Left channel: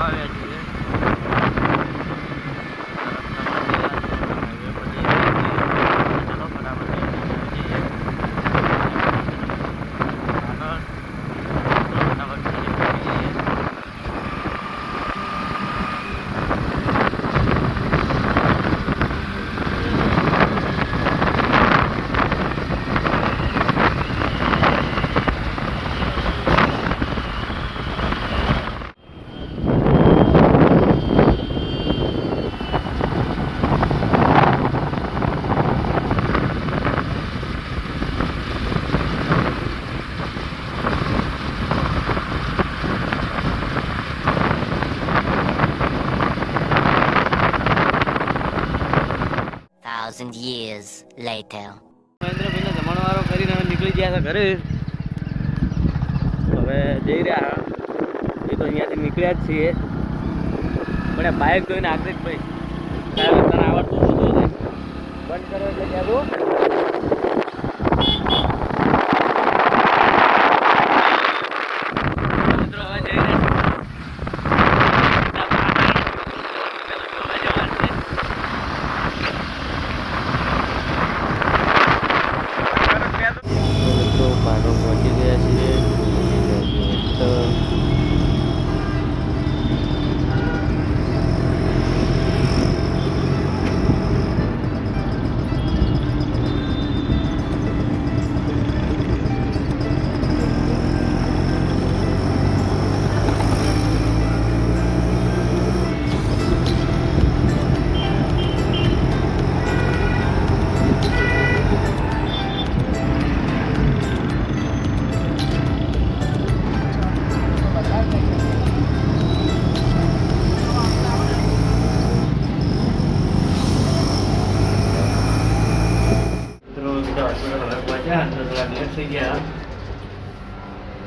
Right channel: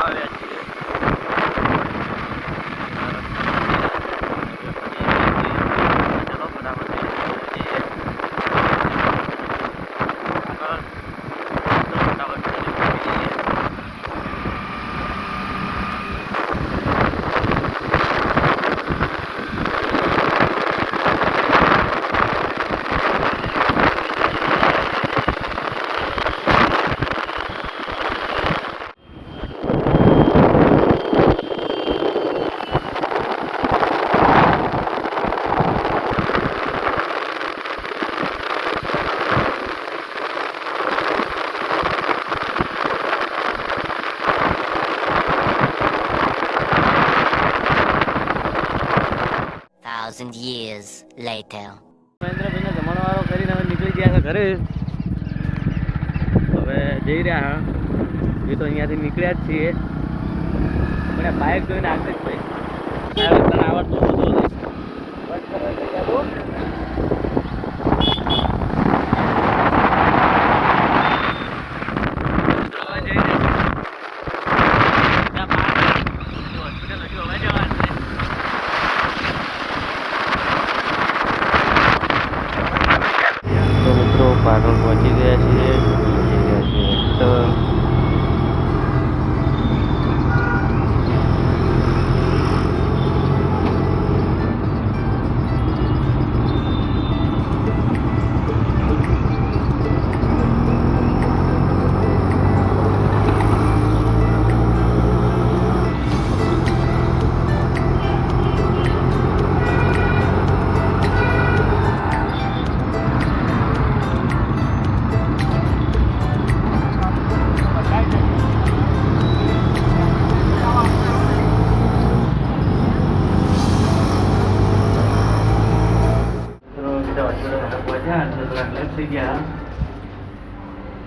kahve ettiğini thousand years later. મહેન્દ્રભાઈને જમણવારો કરીને હવે નીકળી ગયા છે ઘરે. હવે જઈ રહ્યા. જો તો અહીંયાથી નીકળ્યા જ છીએ. મને બાઇક જોઈને આગળ જ ભાઈ તારે તને આવડતું નહોતું ને બંધ કરો એટલે યાદો મિત્રો હવે જઈ રહ્યા તો મિત્રો પાટણ પહોંચી ગયા છીએ.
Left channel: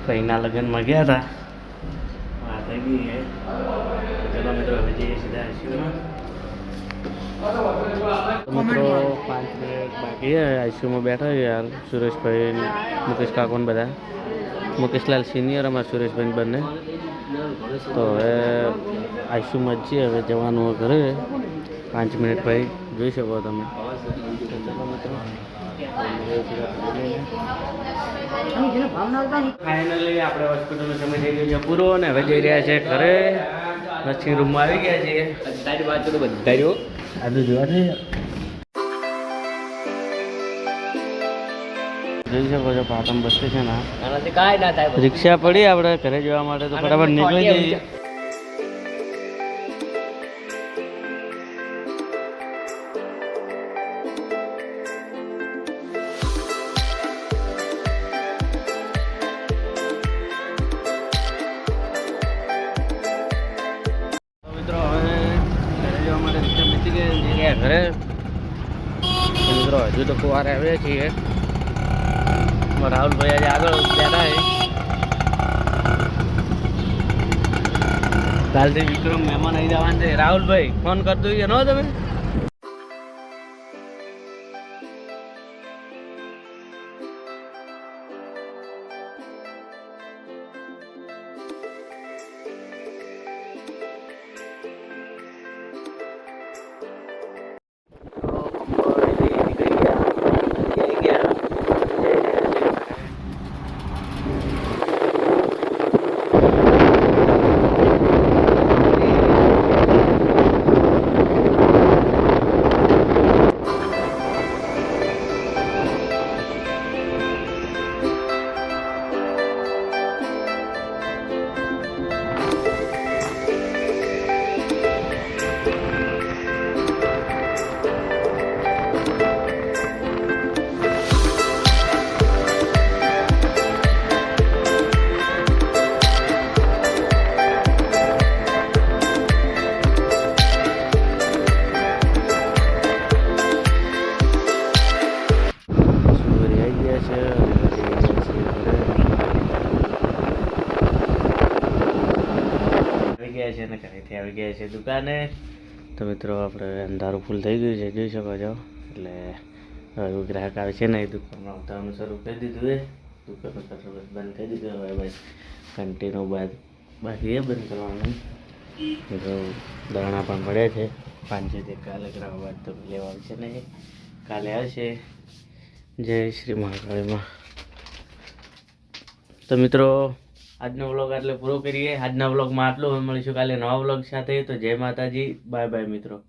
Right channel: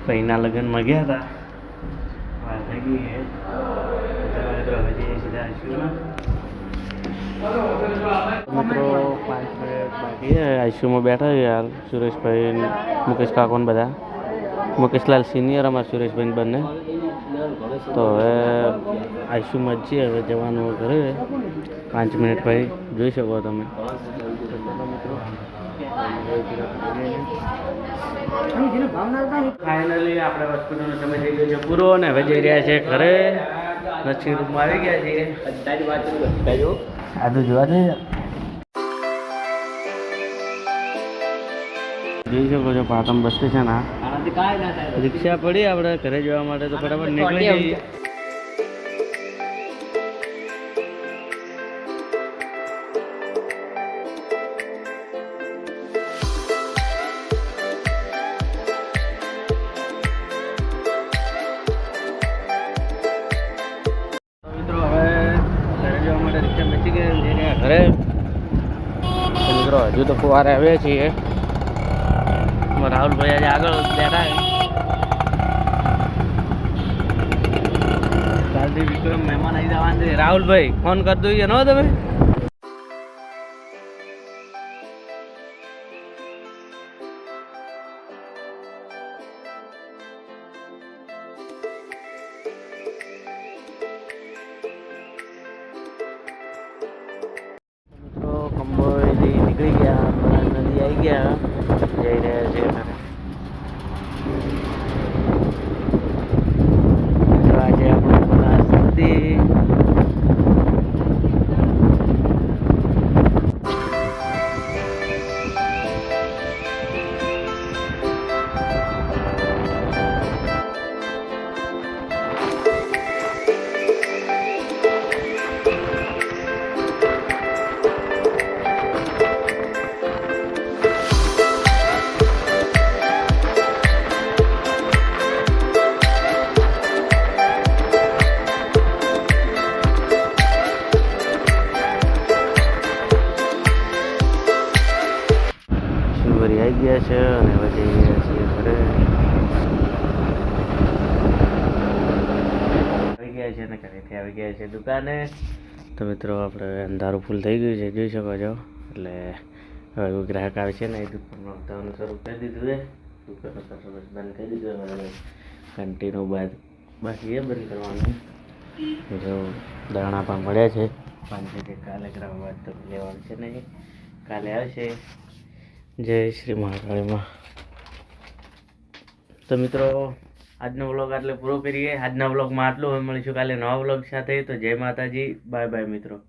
ભાઈના લગ્નમાં ગયા હતા હા થઈ ગઈ છે ચલો મિત્રો હવે સીધા આઈસીયુમાં. મિત્રો પાંચ મિનિટ બાકી આઈસીયુમાં બેઠા યાર સુરેશભાઈ મુકેશ કાકોન બધા. મુકેશલાલ સિનિયર અમારા સુરેશભાઈ બંને. તો હવે આઈસીયુમાં જ છીએ હવે જવાનું ઘરે. પાંચ મિનિટ ભાઈ જોઈ શકો તમે. ફાઇનલી આપણે હોસ્પિટલનો સમય થઈ ગયો છે પૂરો અને હવે જઈ રહ્યા છે ઘરે. નર્સિંગ રૂમમાં આવી ગયા છીએ. આદુ જોવા છે જોઈ શકો છો પાટણ બસ સ્ટેશન આ. રિક્ષા પડી આપણે ઘરે જવા માટે તો ફટાફટ નીકળી જઈએ. ઘરે. મિત્રો, હજુ તો ફુવારે આવ્યા છીએ. રાહુલભાઈ આજે આગળ બેઠા છે. કાલથી વિક્રમ મહેમાન આવી જવાના છે. રાહુલભાઈ ફોન કરી દઈએ નો તમે? કંબોળી નીકળી ગયા. નદી આવી ગયા. શિવરી આવી ગયા છે અને હવે જઈ છીએ ઘરે. આવી ગયા છે અને ઘરેથી આવી ગયા છે દુકાને. તો મિત્રો, આપણે અંધારું ફૂલ થઈ ગયું છે, જોઈ શકો છો. એટલે હવે ગ્રાહક આવે છે ને, એ દુકાનમાં આવતાનું શરૂ કરી દીધું છે. દુકાનનું શટર બંધ કરી દીધું હવે ભાઈ કન્ટિન્યુ બાદ બાકી એ બંધ કરવાનું. દાણા પણ મળ્યા છે. પાંચ જે કાલે ગ્રાહક બાદ તો લેવા આવશે નહીં. કાલે આવશે. જય શ્રી મહાકાળીમાં. તો મિત્રો, આજનો વ્લોગ આટલે પૂરો કરીએ. આજના વ્લોગમાં આટલું. મળીશું કાલે નવા વ્લોગ સાથે. તો જય માતાજી. બાય બાય મિત્રો.